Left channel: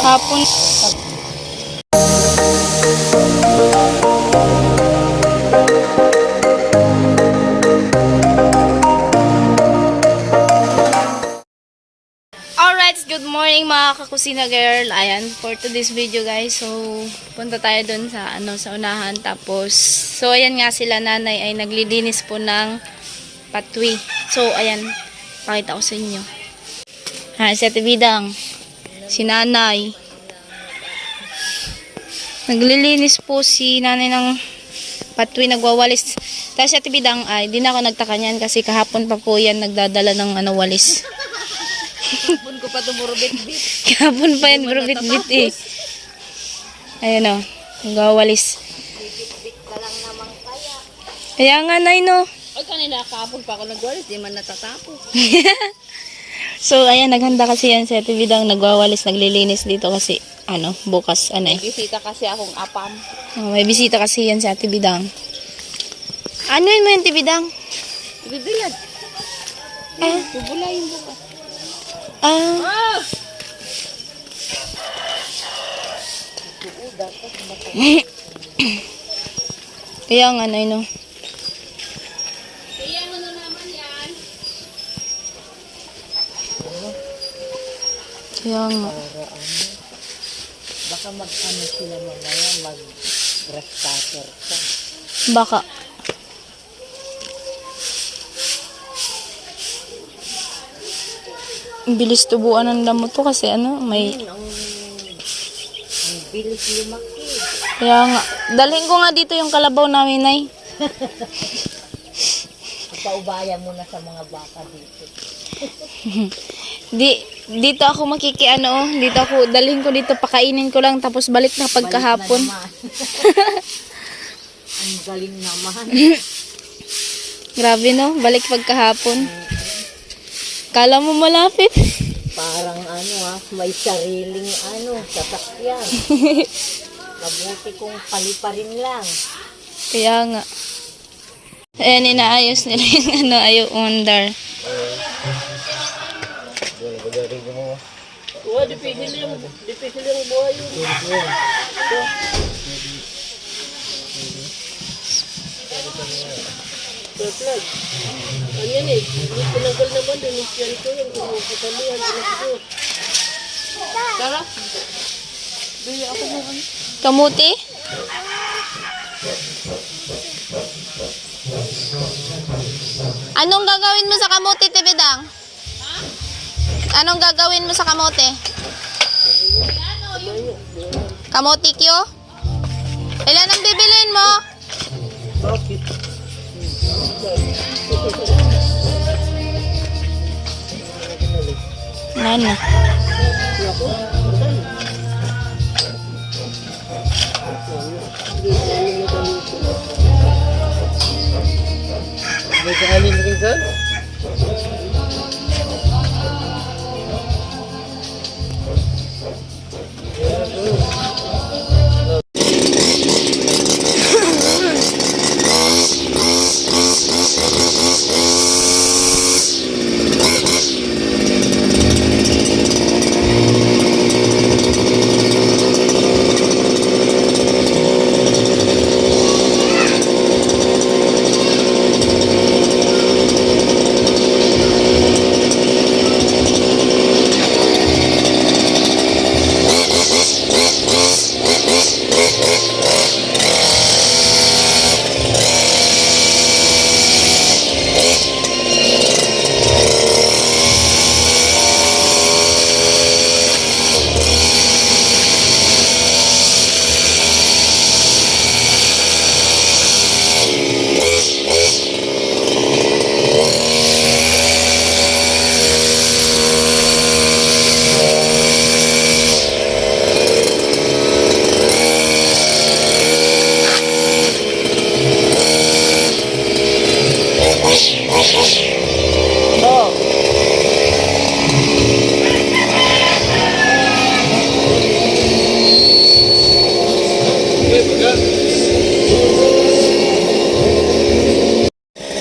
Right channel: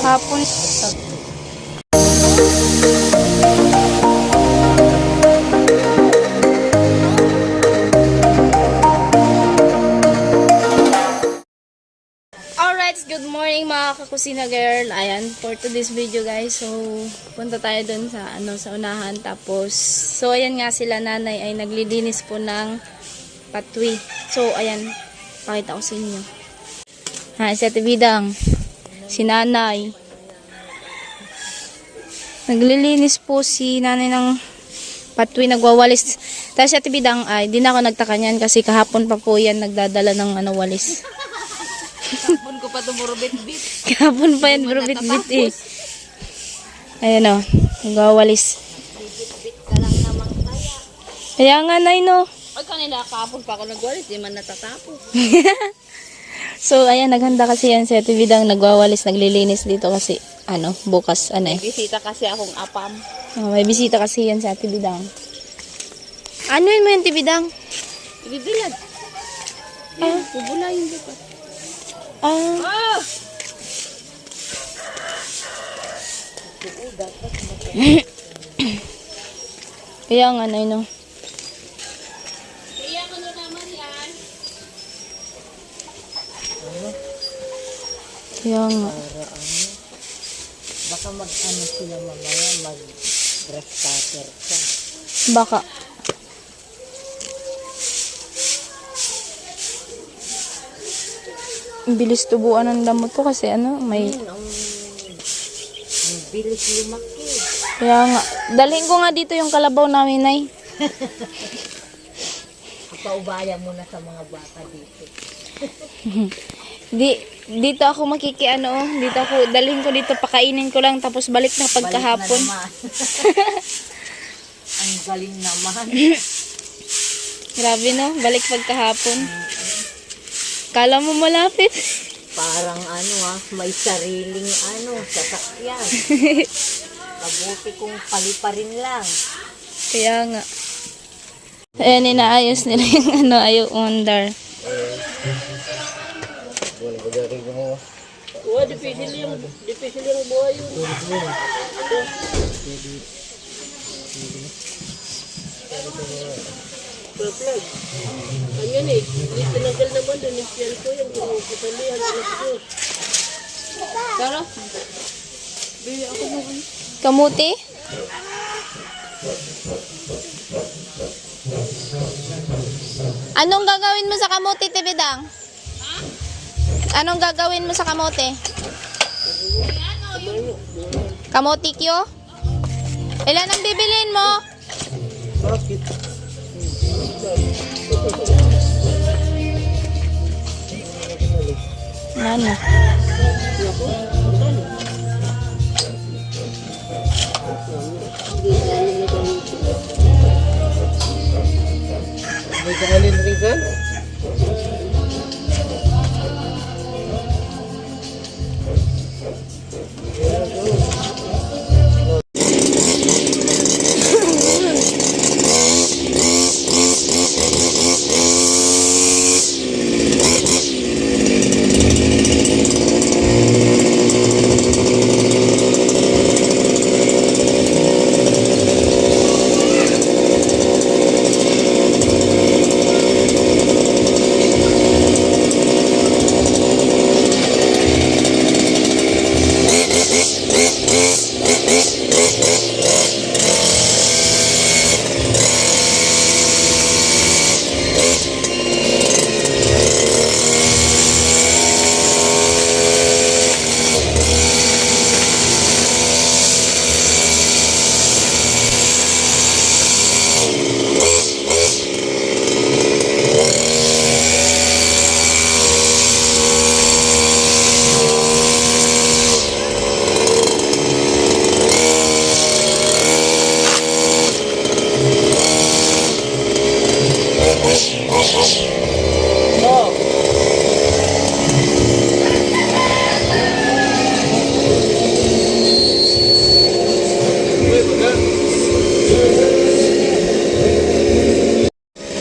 Hapon. Alright, good morning mga kakusina girl. Ayan, for today's video guys. So, punta tayo dun sa sa unahan. Tapos, so ayan nga sila nanay ay naglilinis po ng patwi. So, ayan, pakita ko sa inyo. Ha, si Ate Bidang, si nanay. Naglilinis po si nanay ng patwi, nagwawalis. Tapos si Ate Bidang ay, di na ako nagtaka niyan kasi kahapon pa po yan nagdadala ng walis. Kahapon ko pa tumurubit-bit. Kahapon pa yan, burubit-bit eh. Ayan o, nagwawalis. Kaya nga, nay, no? Ay, kanila kahapon pa ako nagwalis, di man natatapo. So, ayan, naghanda kasi yan si Ate Bidang, nagwawalis, naglilinis dito kasi, bukas, May bisita kasi akong apam. may bisita kasi yan si Ate Bidang. Ano yun mo yung Ate Bidang? Ibibilad. Bubulayin bukas. Ah. Kaya nga, nay, no? Kaya ano naman yan? Kaya nga. Baka mag-ano sila mamaya, mag-grass cutter ka. Baka. Ang bilis tubuan ng damo to kasi may... Ang bilis lumaki. Kaya nga. Dalhin ko nga dito yung kalabaw namin, nay. Paubayan mo na sa mga bata dito. Dito ako dito ako, dalhin ko dito, pakainin ko lang, tapos balik na pagkahapon. Balik na Ang galing naman. Grabe, no? Balik pagkahapon. Kala mo malapit. Parang may sariling sasakyan. Mabuti kung paliparin lang. Kaya nga. Ayan, inaayos nila yung ayaw under. Oo, dipigil yung buhay yun. Flag. Ano yan tinanggal naman din. Yan ko yan. Pinapasalihan. Tara. Bili ako mo Kamuti? Anong gagawin mo sa kamuti, Tibidang? Anong gagawin mo sa kamote? Kamote kyo? Ilan ang bibilin mo? Bakit? Nana. May kaalin rin dyan?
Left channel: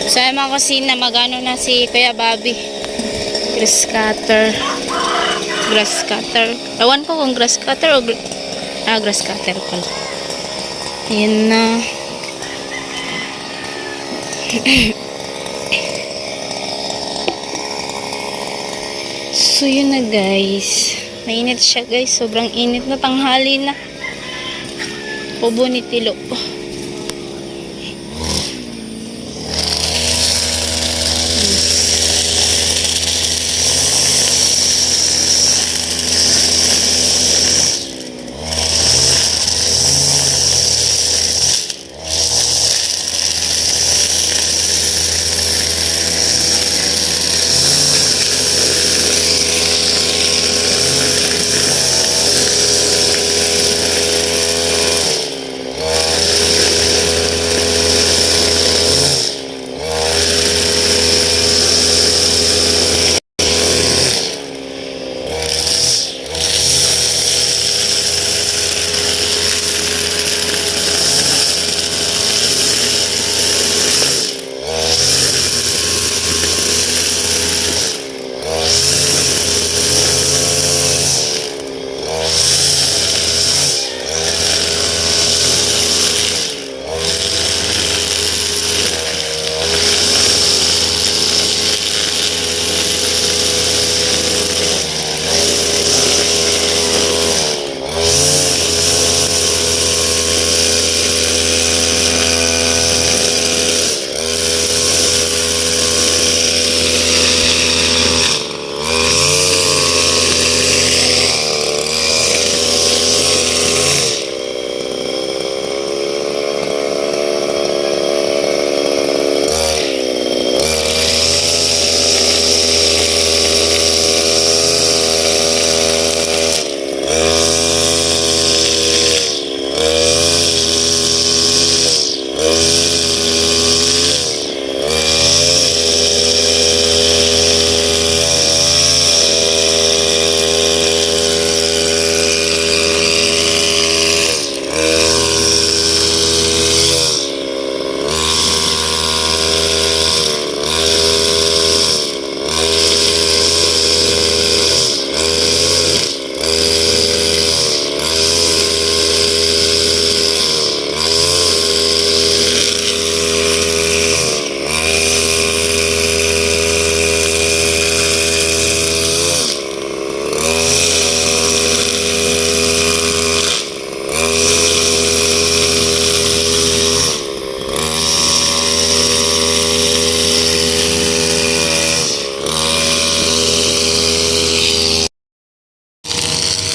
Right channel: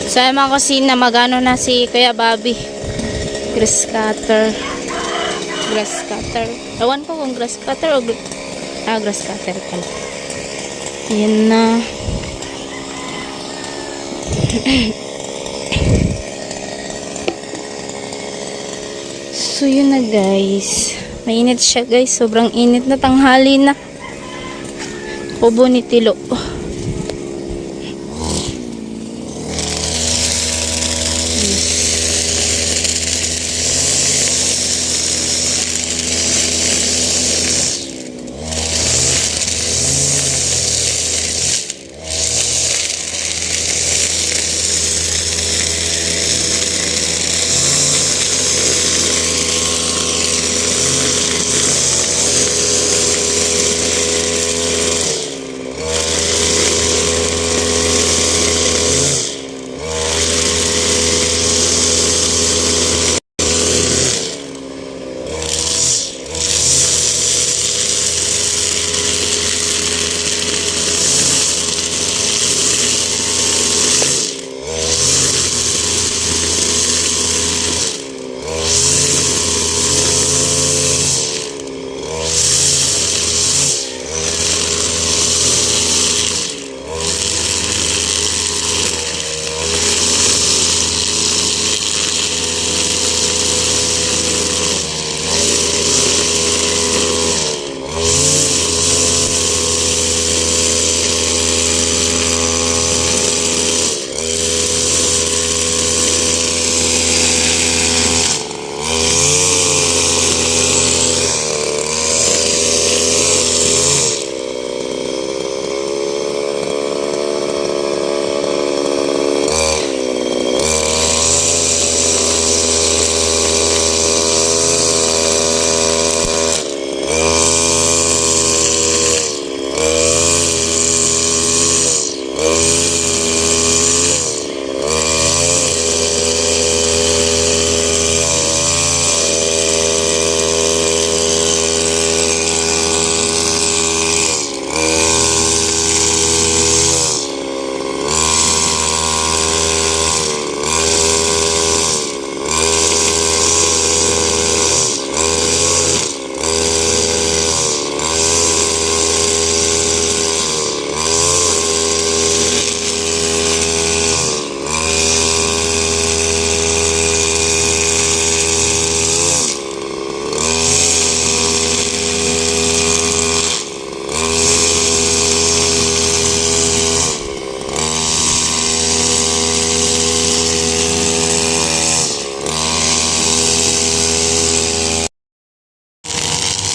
So, ay mga kusina, magano na si Kuya Bobby. Chris Cutter. grass cutter. Ewan ko kung grass cutter o grass cutter pala. Ayan na. So yun na guys. Mainit siya guys. Sobrang init na, tanghali na. Ubo ni Tilo.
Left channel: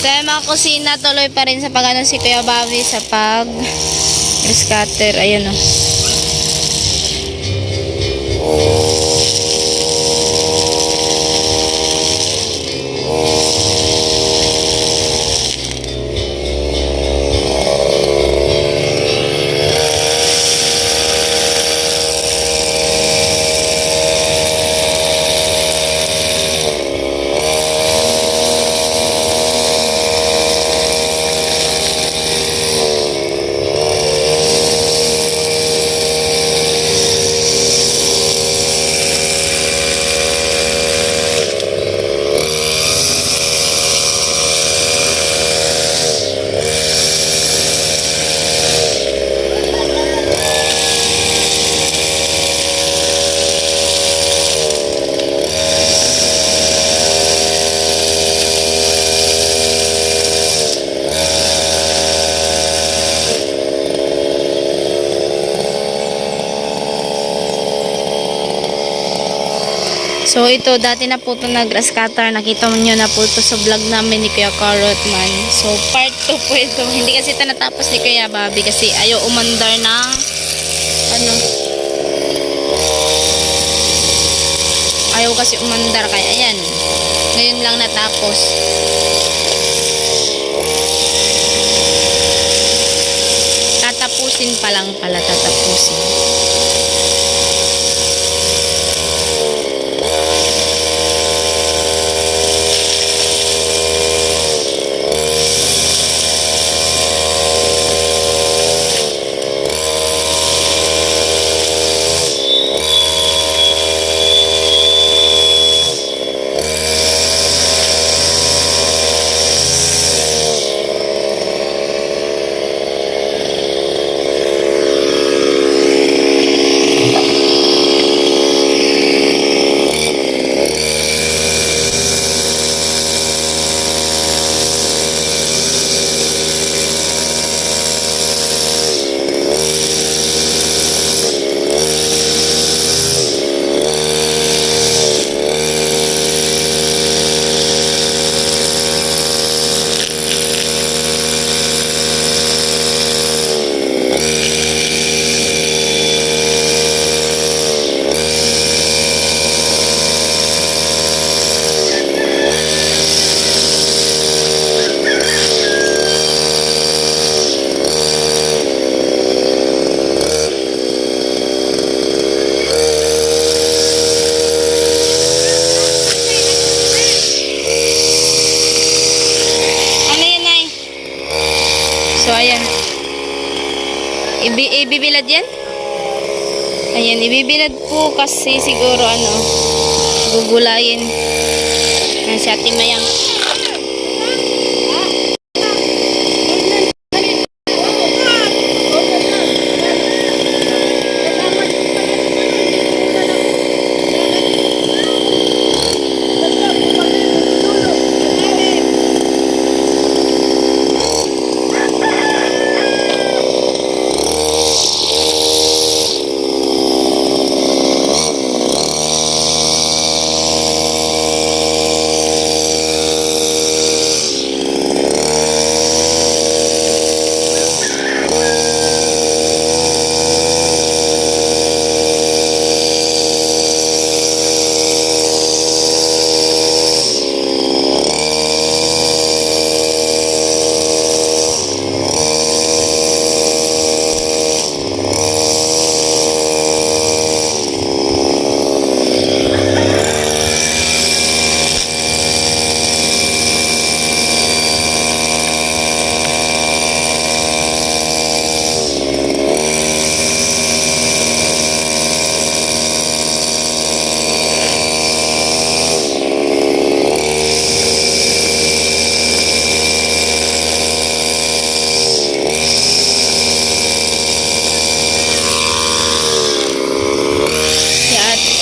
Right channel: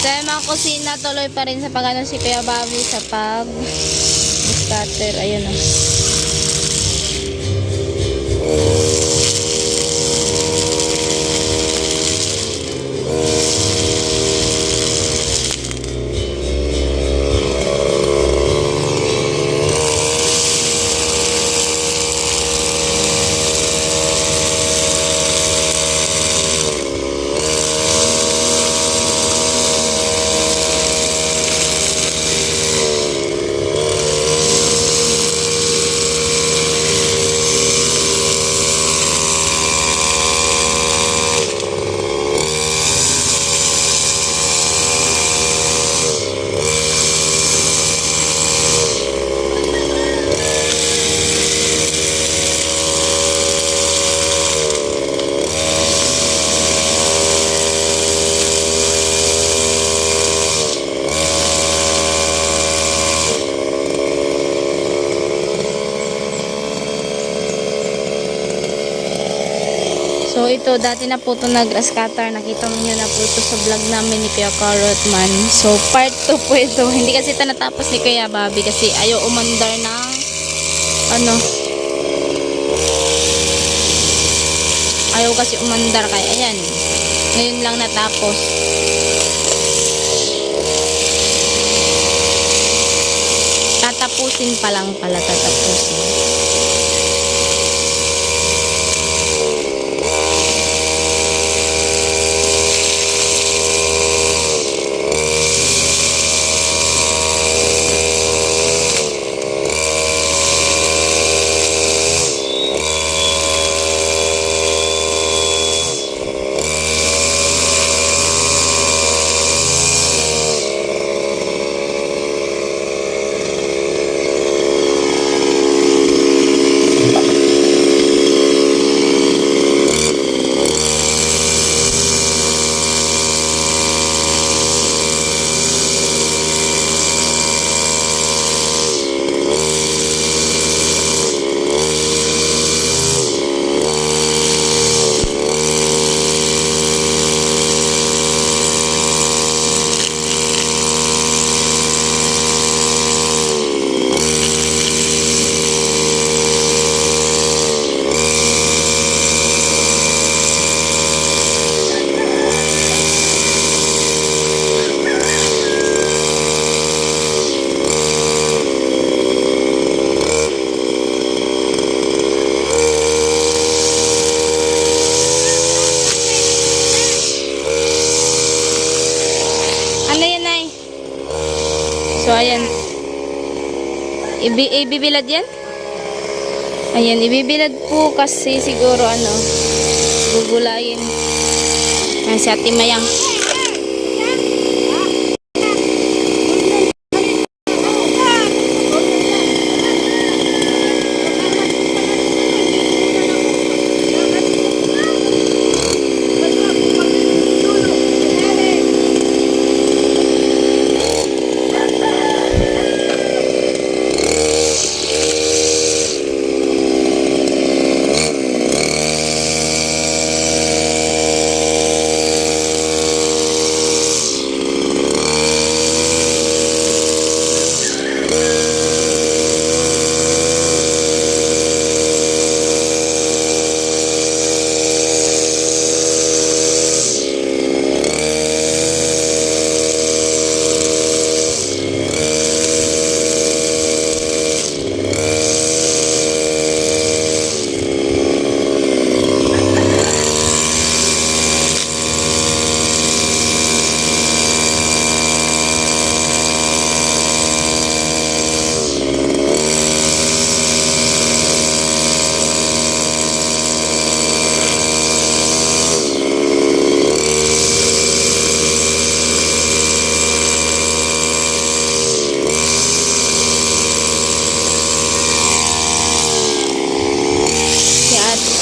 Sa mga kusina, tuloy pa rin sa pag-ano si Kuya Bobby sa pag scatter. Ayan o. So ito, dati na po ito na grass cutter. Nakita mo nyo na po ito sa vlog namin ni Kuya Carrotman. So part 2 po ito. Hindi kasi ito natapos ni Kuya Bobby kasi ayaw umandar ng ano. Ayaw kasi umandar kaya ayan. Ngayon lang natapos. Tatapusin pa lang pala, tatapusin. So, ayan. Ibibilad yan? Ayan, ibibilad po kasi siguro gugulayin. Ayan, si Ate Mayang.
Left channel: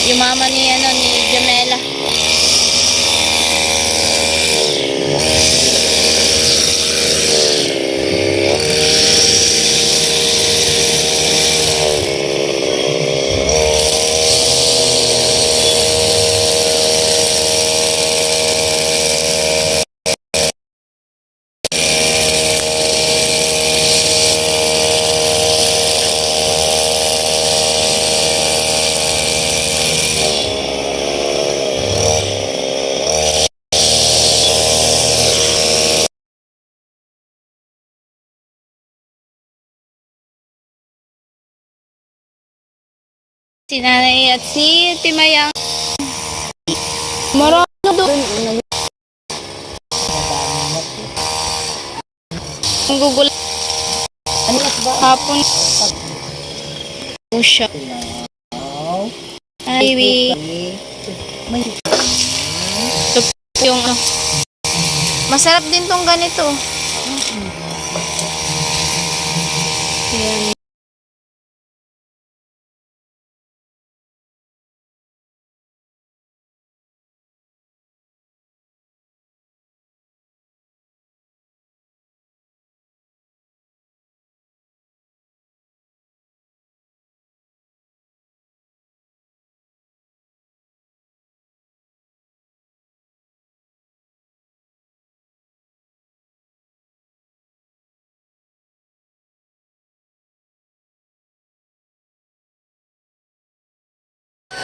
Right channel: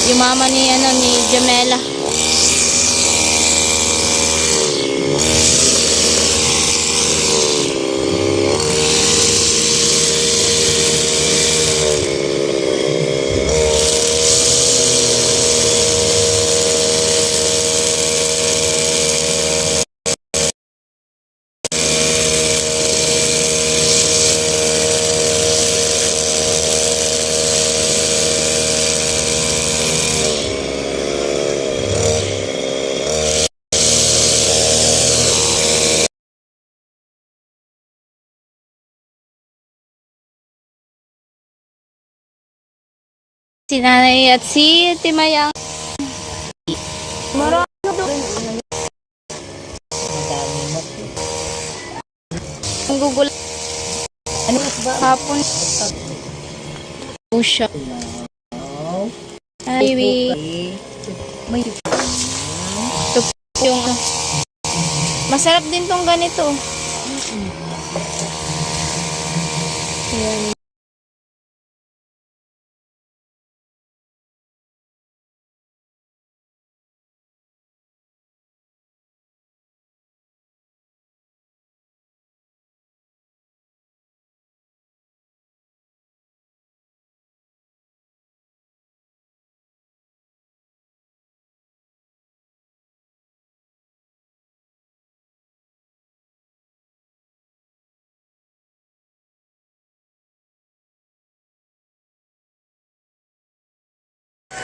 Yung mama ni Jamela. Si Nanay at si Timayang. Marami doon. Ang gugulat. Ano ba? Hapon. Usya. Ay, May ito po yung masarap din tong ganito. Ayan.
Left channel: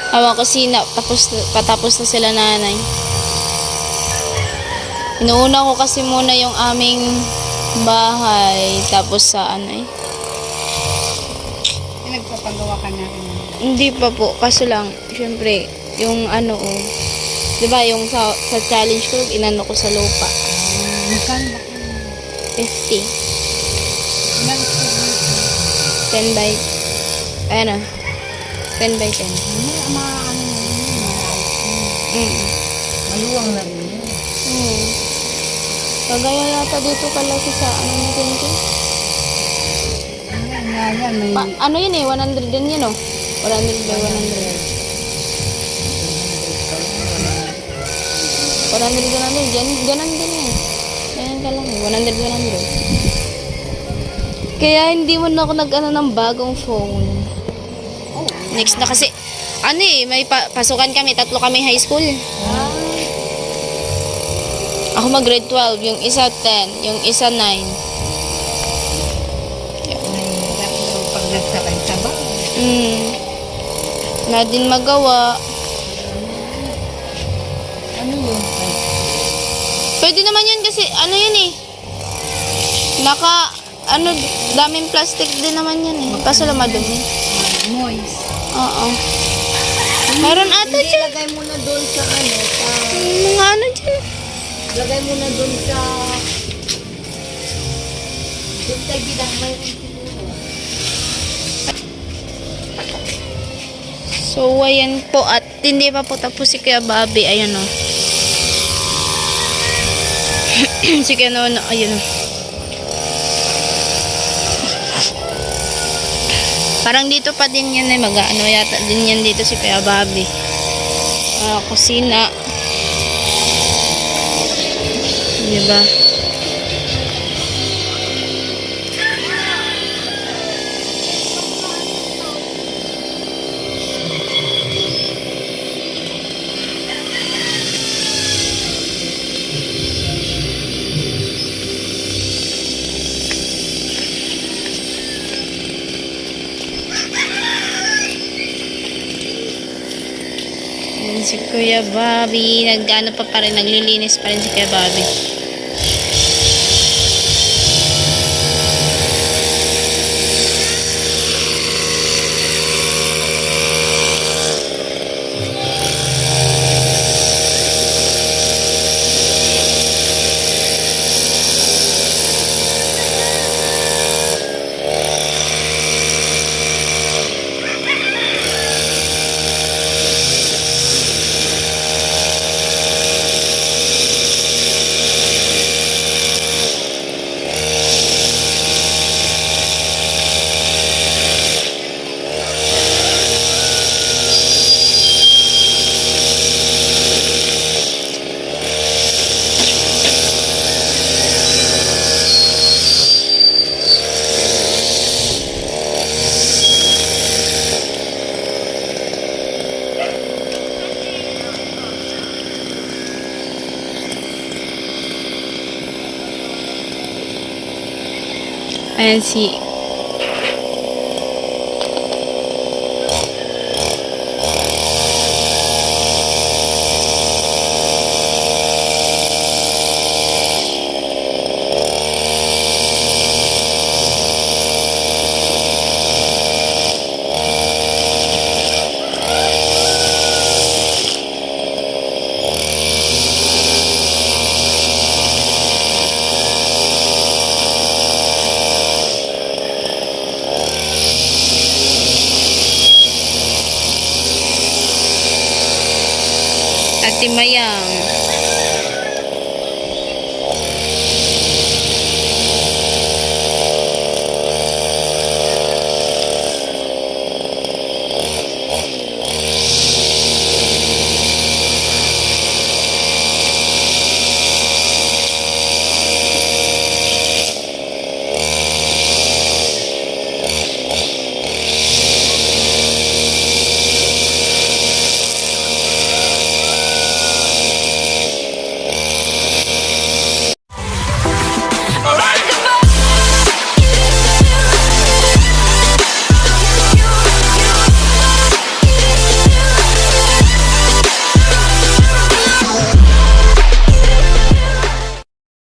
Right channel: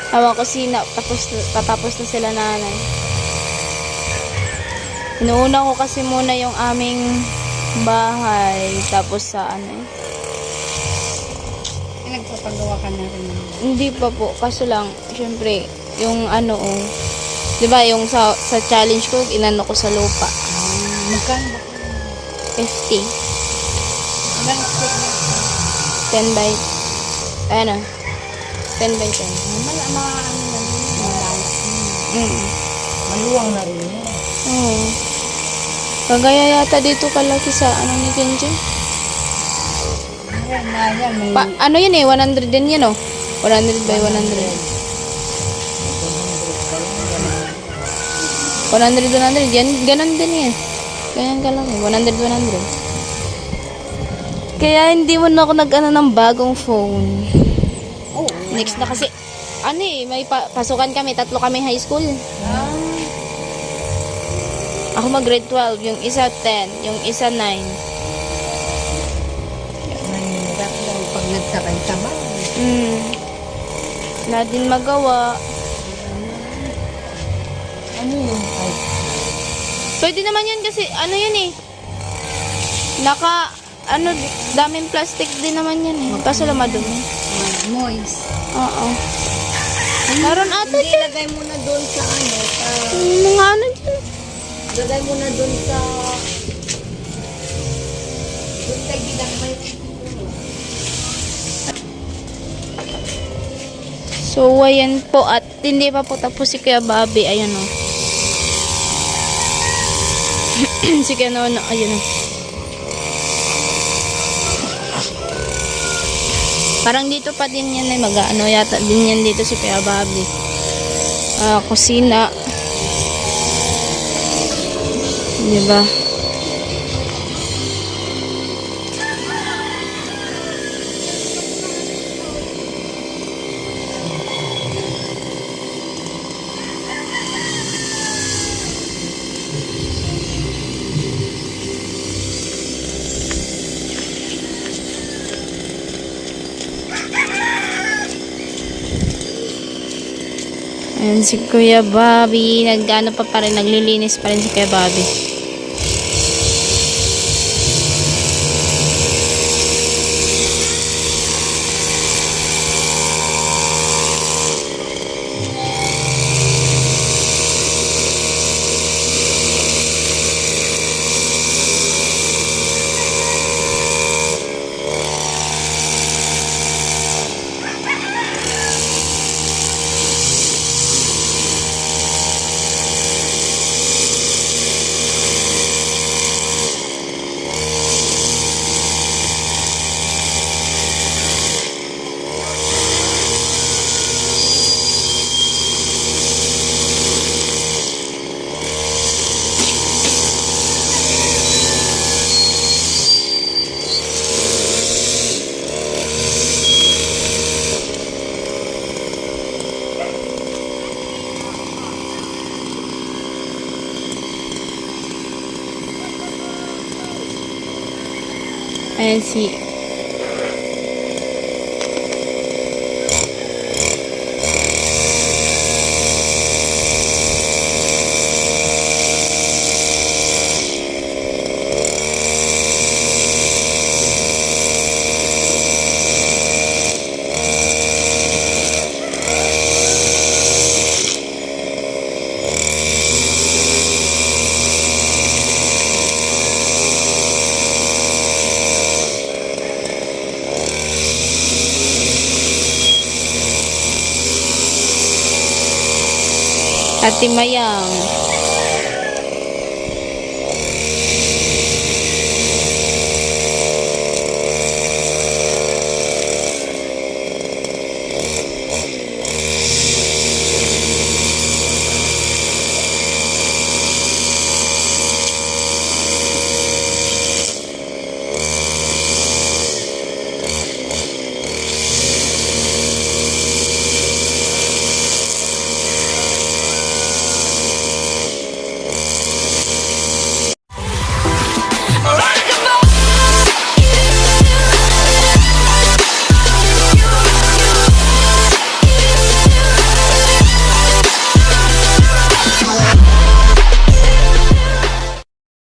Awang kusina, patapos na sila nanay. Inuuna ko kasi muna yung aming bahay, tapos sa nagpapagawa ka na rin. Hindi pa po, kaso lang, syempre, yung diba, yung sa challenge ko, inano ko sa lupa. Magkano ba? 50. 10 by, 10 by 10. Maluwang na rin yan. Oo. Kagaya yata dito kalaki sa ni Kenji. Yan. Ano yun 100 din yun 100 by 100. 100. Yan, ganun din Ganun ka lang 100. Kaya hindi mo na ako ng bagong phone. Next na kasi, may pasukan kami, 3 kami high school. Ako mag grade 12, yung isa 10, yung isa 9. Pag nagsakay ka ba? Wala din magawa. Ano yun? Ay, Pwede naman yun kasi, yun daming plastic din naman yan Kaso lang madumi. moist. Oo. Meron ata Hindi, dyan. lagay mo na doon sa Mga dyan. lagay mo na doon sa So, ayan po. At hindi pa po tapos si Kuya Bobby. Ayun o. Si Kuya Nono. Ayun o. Parang dito pa din yan eh. Mag-ano yata din yan dito si Kuya Bobby. Kusina. Diba? Ayan si Kuya Bobby. Nagdano pa rin. Naglilinis pa rin si Kuya Bobby. Ayan si Ate Mayang.